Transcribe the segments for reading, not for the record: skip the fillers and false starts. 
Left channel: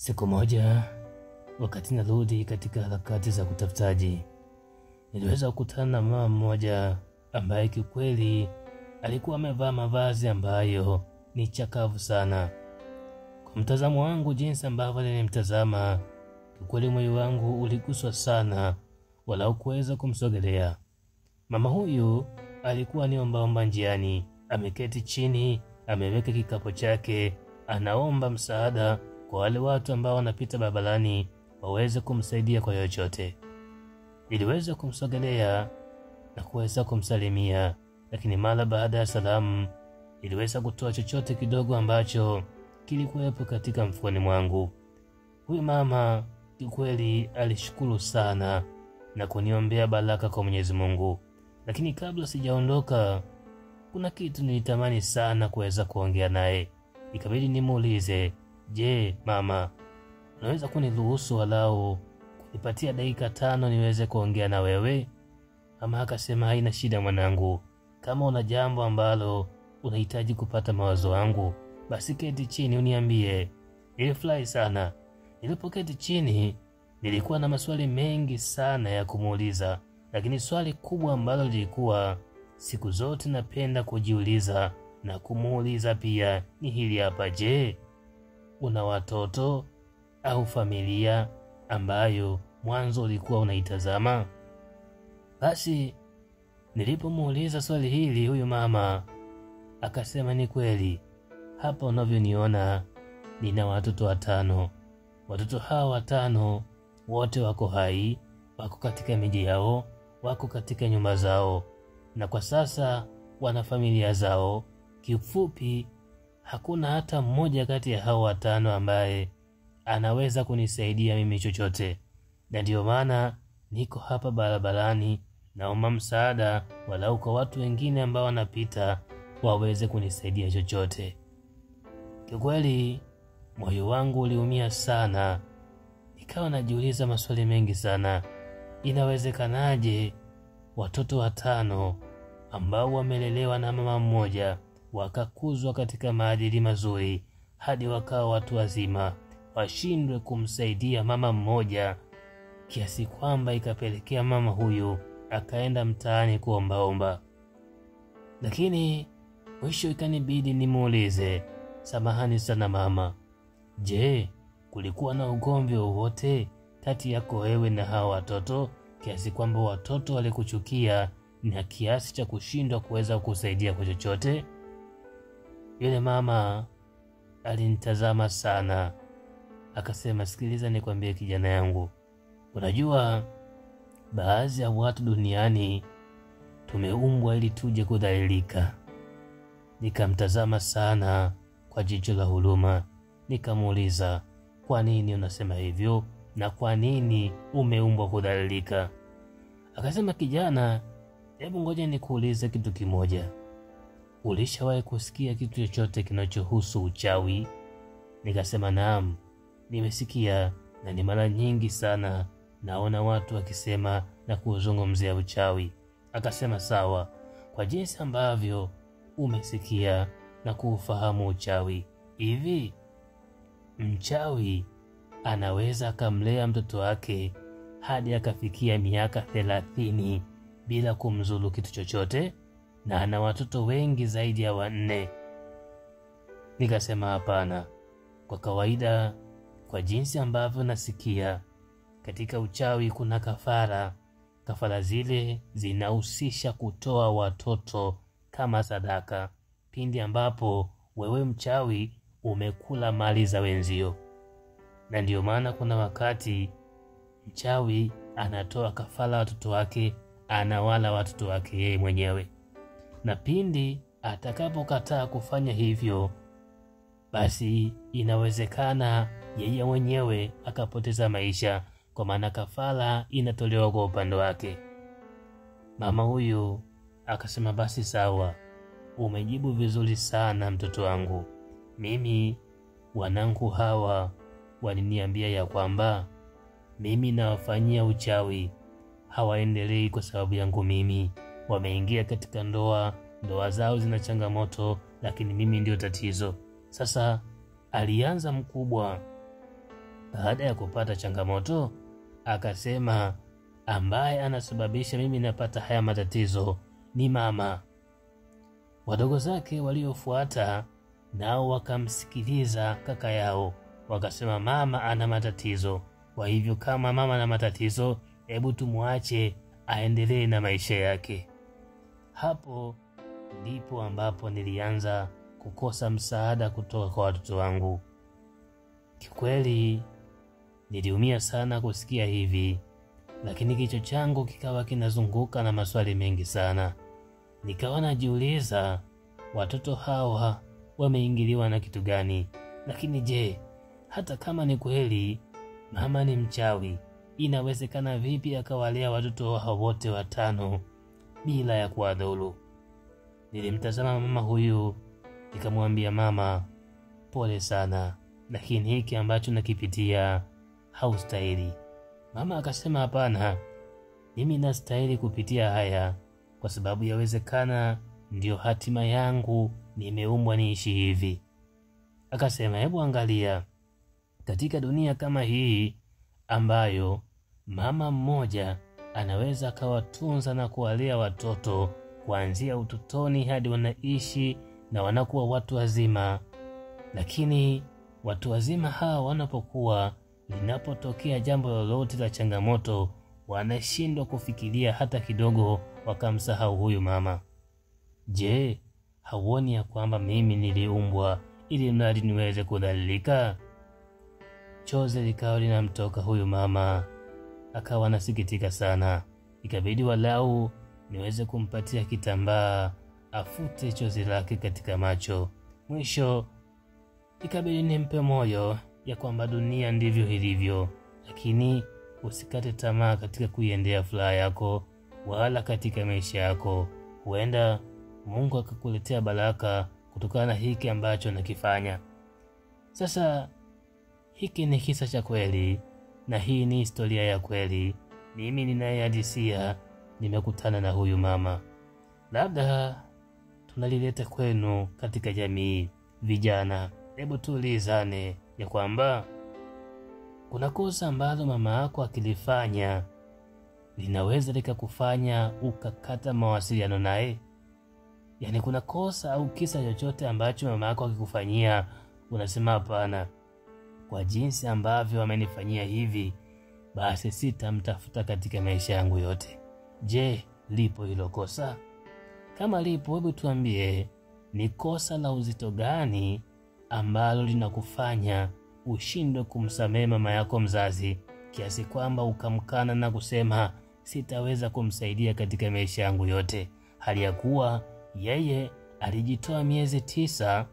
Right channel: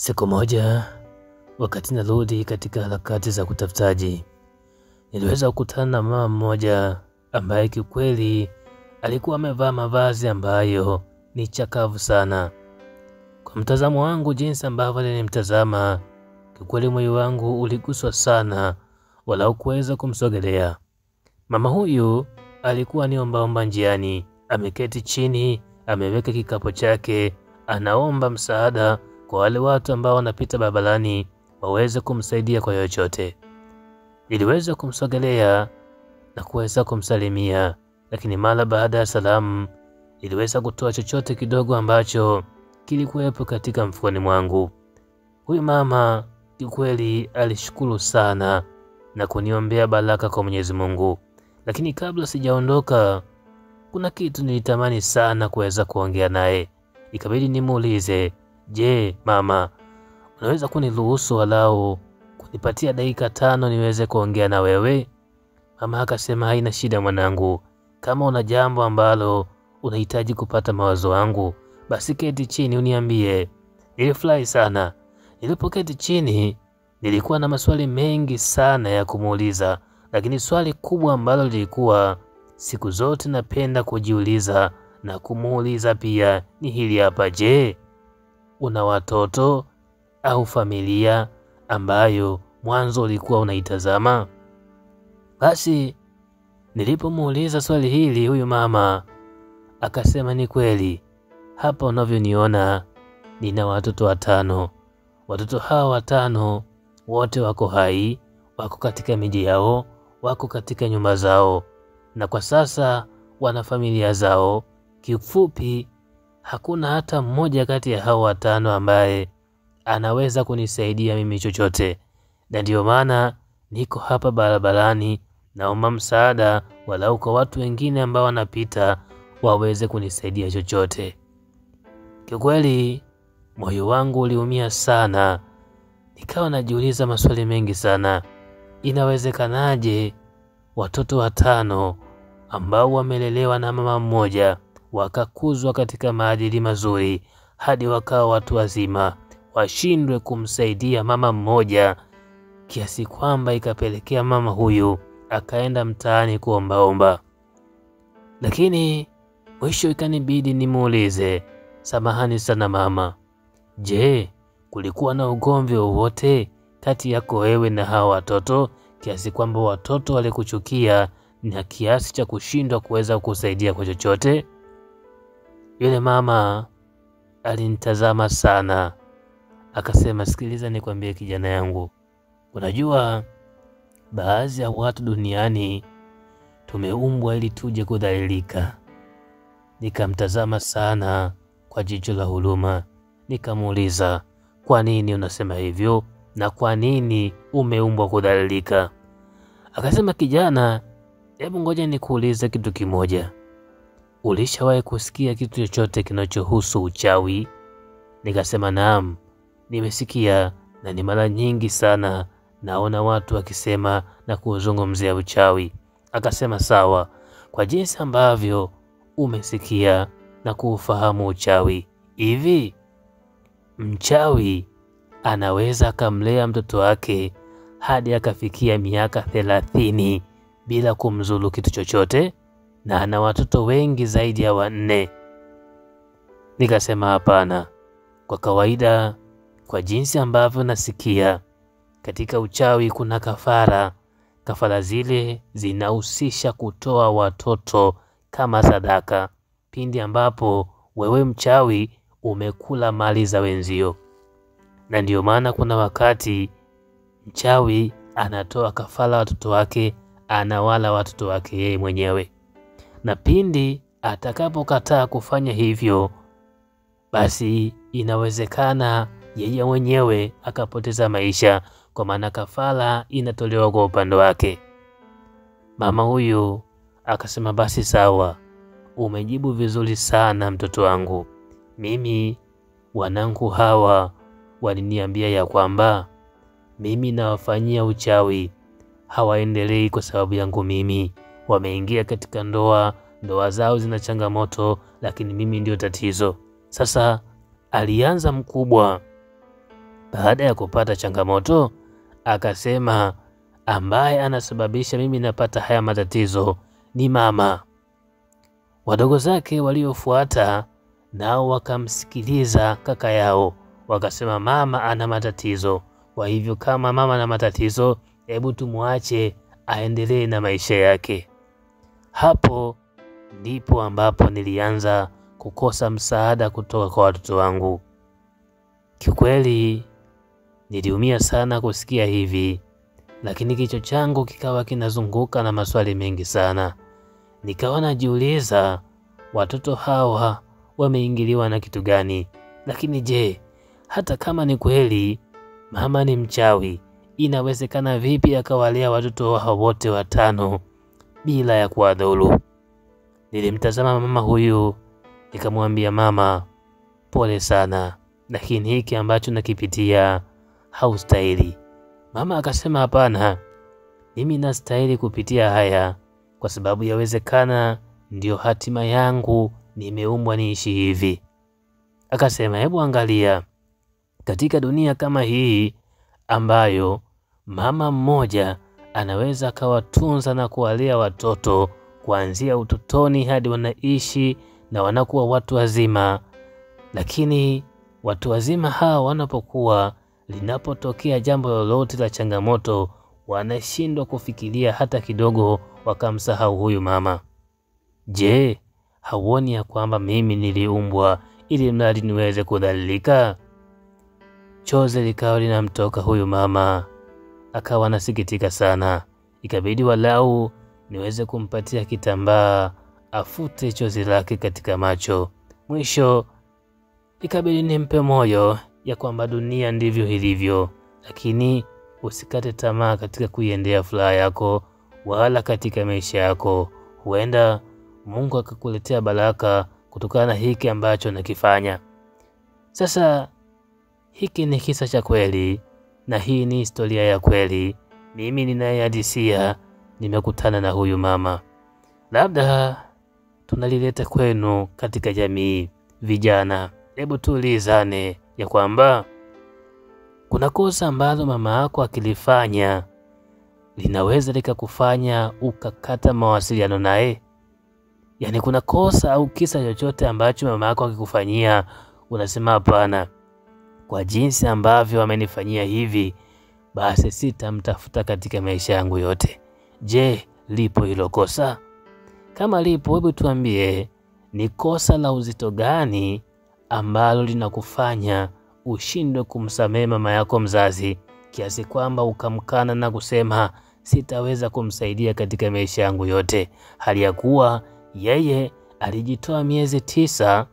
Siku moja, wakati narudi katika harakati za kutafutaji, niliweza kukutana na mama mmoja ambaye kiukweli alikuwa amevaa mavazi ambayo ni chakavu sana. Kwa mtazamo wangu, jinsi ambavyo nilimtazama, kiukweli moyo wangu uliguswa sana, wala hukuweza kumsogelea. Mama huyu alikuwa ni ombaomba njiani, ameketi chini, ameweka kikapu chake, anaomba msaada kwa wale watu ambao wanapita barabarani waweze kumsaidia kwa chochote. Niliweza kumsogelea na kuweza kumsalimia, lakini mara baada ya salamu niliweza kutoa chochote kidogo ambacho kilikuwepo katika mfukoni mwangu. Huyu mama kiukweli alishukuru sana na kuniombea baraka kwa Mwenyezi Mungu. Lakini kabla sijaondoka, kuna kitu nilitamani sana kuweza kuongea naye. Ikabidi nimuulize, "Je, mama, unaweza kuniruhusu walau kunipatia dakika 5 niweze kuongea na wewe?" Mama akasema, "Haina shida mwanangu. Kama una jambo ambalo unahitaji kupata mawazo yangu, basi keti chini uniambie." Nilifurahi sana. Nilipoketi chini, nilikuwa na maswali mengi sana ya kumuuliza, lakini swali kubwa ambalo lilikuwa siku zote napenda kujiuliza na kumuuliza pia ni hili hapa: je, una watoto au familia ambayo mwanzo ulikuwa unaitazama? Basi nilipomuuliza swali hili, huyu mama akasema, "Ni kweli, hapa unavyoniona nina watoto 5. Watoto hawa 5 wote wako hai, wako katika miji yao, wako katika nyumba zao, na kwa sasa wana familia zao. Kifupi, hakuna hata mmoja kati ya hao 5 ambaye anaweza kunisaidia mimi chochote, na ndio maana niko hapa barabarani, naomba msaada walau kwa watu wengine ambao wanapita waweze kunisaidia chochote." Kiukweli moyo wangu uliumia sana, nikawa najiuliza maswali mengi sana. Inawezekanaje watoto 5 ambao wamelelewa na mama mmoja, wakakuzwa katika maadili mazuri hadi wakawa watu wazima, washindwe kumsaidia mama mmoja, kiasi kwamba ikapelekea mama huyu akaenda mtaani kuombaomba? Lakini mwisho ikanibidi nimuulize, "Samahani sana mama, je, kulikuwa na ugomvi wowote kati yako wewe na hawa watoto kiasi kwamba watoto walikuchukia na kiasi cha kushindwa kuweza kusaidia kwa chochote?" Yule mama alinitazama sana, akasema, "Sikiliza nikwambie kijana yangu, unajua baadhi ya watu duniani tumeumbwa ili tuje kudhalilika." Nikamtazama sana kwa jicho la huruma, nikamuuliza, "Kwa nini unasema hivyo na kwa nini umeumbwa kudhalilika?" Akasema, "Kijana, hebu ngoja nikuulize kitu kimoja. Ulishawahi kusikia kitu chochote kinachohusu uchawi?" Nikasema, "Naam, nimesikia, na ni mara nyingi sana naona watu wakisema na kuzungumzia uchawi." Akasema, "Sawa, kwa jinsi ambavyo umesikia na kuufahamu uchawi, hivi mchawi anaweza akamlea mtoto wake hadi akafikia miaka 30 bila kumzulu kitu chochote, na ana watoto wengi zaidi ya 4? Nikasema, "Hapana. Kwa kawaida, kwa jinsi ambavyo nasikia, katika uchawi kuna kafara. Kafara zile zinahusisha kutoa watoto kama sadaka pindi ambapo wewe mchawi umekula mali za wenzio, na ndio maana kuna wakati mchawi anatoa kafara watoto wake, anawala watoto wake yeye mwenyewe, na pindi atakapokataa kufanya hivyo, basi inawezekana yeye mwenyewe akapoteza maisha, kwa maana kafara inatolewa kwa upande wake." Mama huyu akasema, "Basi sawa, umejibu vizuri sana mtoto wangu. Mimi wanangu hawa waliniambia ya kwamba mimi nawafanyia uchawi, hawaendelei kwa sababu yangu mimi. Wameingia katika ndoa zao zina changamoto, lakini mimi ndio tatizo. Sasa alianza mkubwa Baada ya kupata changamoto, akasema ambaye anasababisha mimi napata haya matatizo ni mama. Wadogo zake waliofuata nao wakamsikiliza kaka yao, wakasema mama ana matatizo, kwa hivyo kama mama ana matatizo, hebu tumuache aendelee na maisha yake. Hapo ndipo ambapo nilianza kukosa msaada kutoka kwa watoto wangu. Kiukweli niliumia sana kusikia hivi, lakini kichwa changu kikawa kinazunguka na maswali mengi sana. Nikawa najiuliza watoto hawa wameingiliwa na kitu gani? Lakini je, hata kama ni kweli mama ni mchawi, inawezekana vipi akawalea watoto hao wote 5 bila ya kuwadhuru? Nilimtazama mama huyu nikamwambia, mama, pole sana, lakini hiki ambacho nakipitia haustahili. Mama akasema, hapana, mimi nastahili kupitia haya kwa sababu yawezekana ndio hatima yangu, nimeumbwa niishi hivi. Akasema, hebu angalia, katika dunia kama hii ambayo mama mmoja anaweza akawatunza na kuwalea watoto kuanzia utotoni hadi wanaishi na wanakuwa watu wazima, lakini watu wazima hawa wanapokuwa, linapotokea jambo lolote la changamoto, wanashindwa kufikiria hata kidogo, wakamsahau huyu mama. Je, hauoni ya kwamba mimi niliumbwa ili mradi niweze kudhalilika? Chozi likawa linamtoka huyu mama, akawa anasikitika sana. Ikabidi walau niweze kumpatia kitambaa afute chozi lake katika macho. Mwisho ikabidi nimpe moyo ya kwamba dunia ndivyo ilivyo, lakini usikate tamaa katika kuiendea furaha yako wala katika maisha yako. Huenda Mungu akakuletea baraka kutokana na hiki ambacho nakifanya. Sasa hiki ni kisa cha kweli na hii ni historia ya kweli. Mimi ninayehadisia nimekutana na huyu mama. Labda tunalileta kwenu katika jamii. Vijana, hebu tuulizane ya kwamba kuna kosa ambalo mama yako akilifanya linaweza likakufanya ukakata mawasiliano naye. Yaani kuna kosa au kisa chochote ambacho mama yako akikufanyia unasema hapana, kwa jinsi ambavyo amenifanyia hivi, basi sitamtafuta katika maisha yangu yote. Je, lipo hilo kosa? Kama lipo, hebu tuambie ni kosa la uzito gani ambalo linakufanya ushindwe kumsamehe mama yako mzazi kiasi kwamba ukamkana na kusema sitaweza kumsaidia katika maisha yangu yote, hali ya kuwa yeye alijitoa miezi 9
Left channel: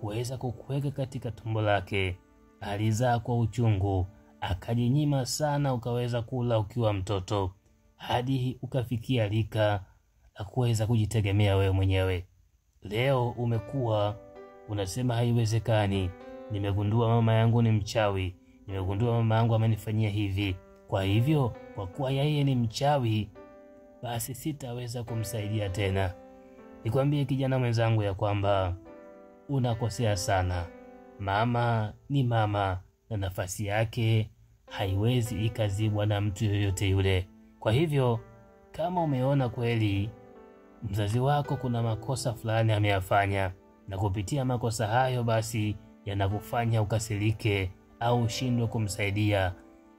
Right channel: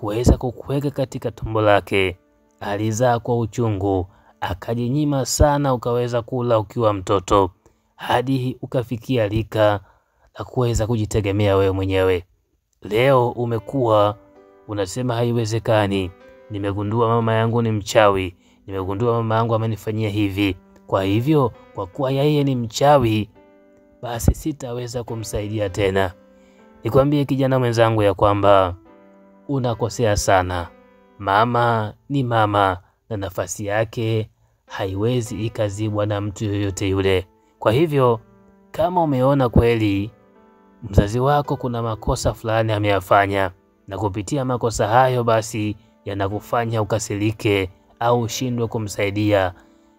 kuweza kukuweka katika tumbo lake. Alizaa kwa uchungu, akajinyima sana, ukaweza kula ukiwa mtoto hadi ukafikia rika la kuweza kujitegemea wewe mwenyewe. Leo umekuwa unasema haiwezekani, nimegundua mama yangu ni mchawi, nimegundua mama yangu amenifanyia hivi, kwa hivyo kwa kuwa yeye ni mchawi basi sitaweza kumsaidia tena. Nikwambie kijana mwenzangu ya kwamba unakosea sana. Mama ni mama na nafasi yake haiwezi ikazibwa na mtu yoyote yule. Kwa hivyo kama umeona kweli mzazi wako kuna makosa fulani ameyafanya, na kupitia makosa hayo basi yanakufanya ukasirike au ushindwe kumsaidia,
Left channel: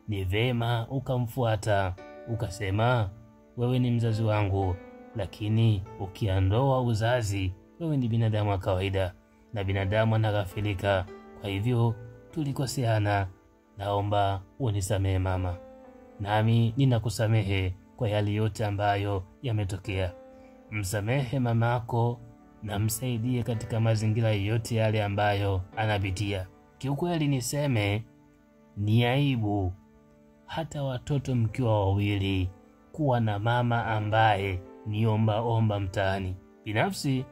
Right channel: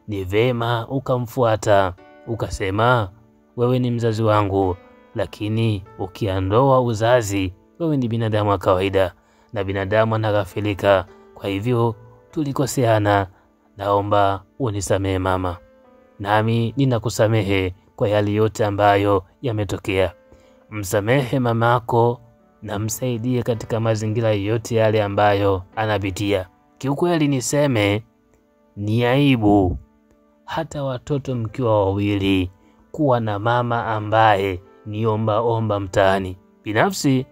ni vema ukamfuata ukasema, wewe ni mzazi wangu, lakini ukiondoa uzazi, wewe ni binadamu wa kawaida na binadamu anaghafilika. Kwa hivyo tulikoseana, naomba unisamehe mama, nami ninakusamehe kwa yale yote ambayo yametokea. Msamehe mamako na msaidie katika mazingira yote yale ambayo anapitia. Kiukweli niseme ni aibu hata watoto mkiwa wawili kuwa na mama ambaye ni omba mtaani. Binafsi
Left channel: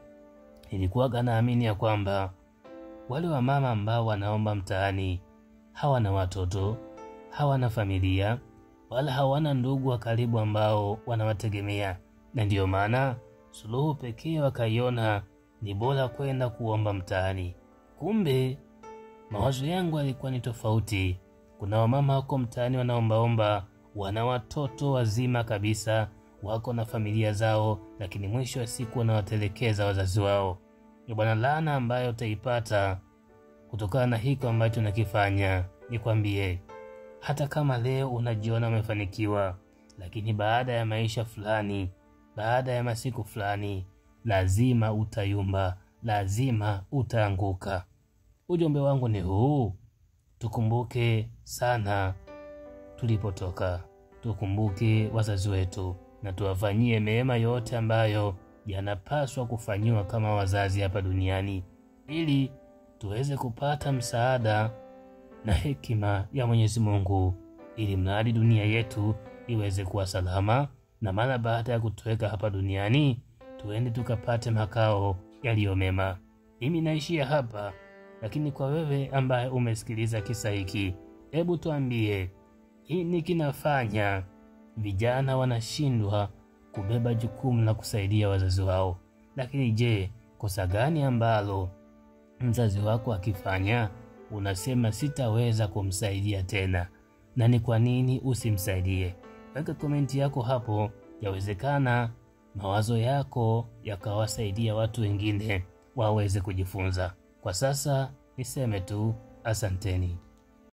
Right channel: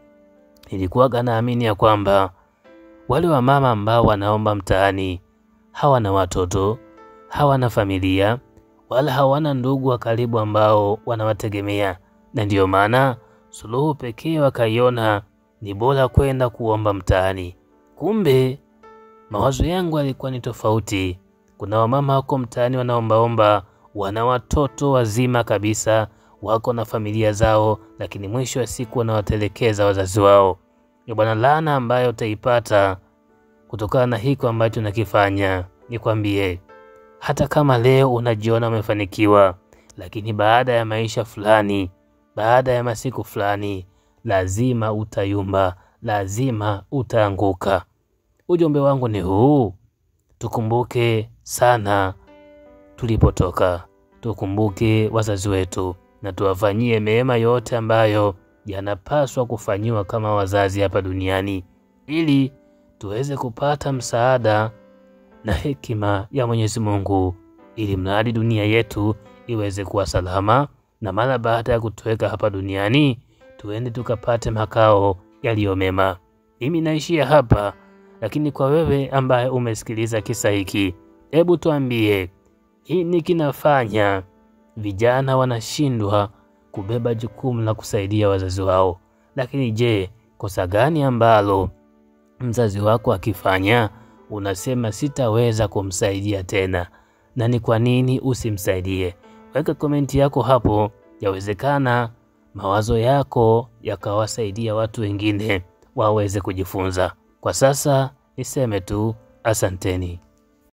nilikuwa naamini ya kwamba wale wa mama ambao wanaomba mtaani hawana watoto, hawana familia, wala hawana ndugu wa karibu ambao wanawategemea, na ndiyo maana suluhu pekee wakaiona ni bora kwenda kuomba mtaani. Kumbe mawazo yangu yalikuwa ni tofauti. Kuna wamama wako mtaani wanaombaomba, wana watoto wazima kabisa, wako na familia zao, lakini mwisho wa siku wanawatelekeza wazazi wao. Bwana, laana ambayo utaipata kutokana na hiko ambacho nakifanya, nikwambie, hata kama leo unajiona umefanikiwa, lakini baada ya maisha fulani, baada ya masiku fulani, lazima utayumba, lazima utaanguka. Ujumbe wangu ni huu: tukumbuke sana tulipotoka, tukumbuke wazazi wetu, na tuwafanyie mema yote ambayo yanapaswa kufanyiwa kama wazazi hapa duniani, ili tuweze kupata msaada na hekima ya Mwenyezi Mungu, ili mradi dunia yetu iweze kuwa salama, na mara baada ya kutuweka hapa duniani tuende tukapate makao yaliyo mema. Mimi naishia hapa, lakini kwa wewe ambaye umesikiliza kisa hiki, hebu tuambie, nini kinafanya vijana wanashindwa kubeba jukumu la kusaidia wazazi wao? Lakini je, kosa gani ambalo mzazi wako akifanya unasema sitaweza kumsaidia tena, na ni kwa nini usimsaidie? Weka komenti yako hapo, yawezekana mawazo yako yakawasaidia watu wengine waweze kujifunza. Kwa sasa niseme tu asanteni.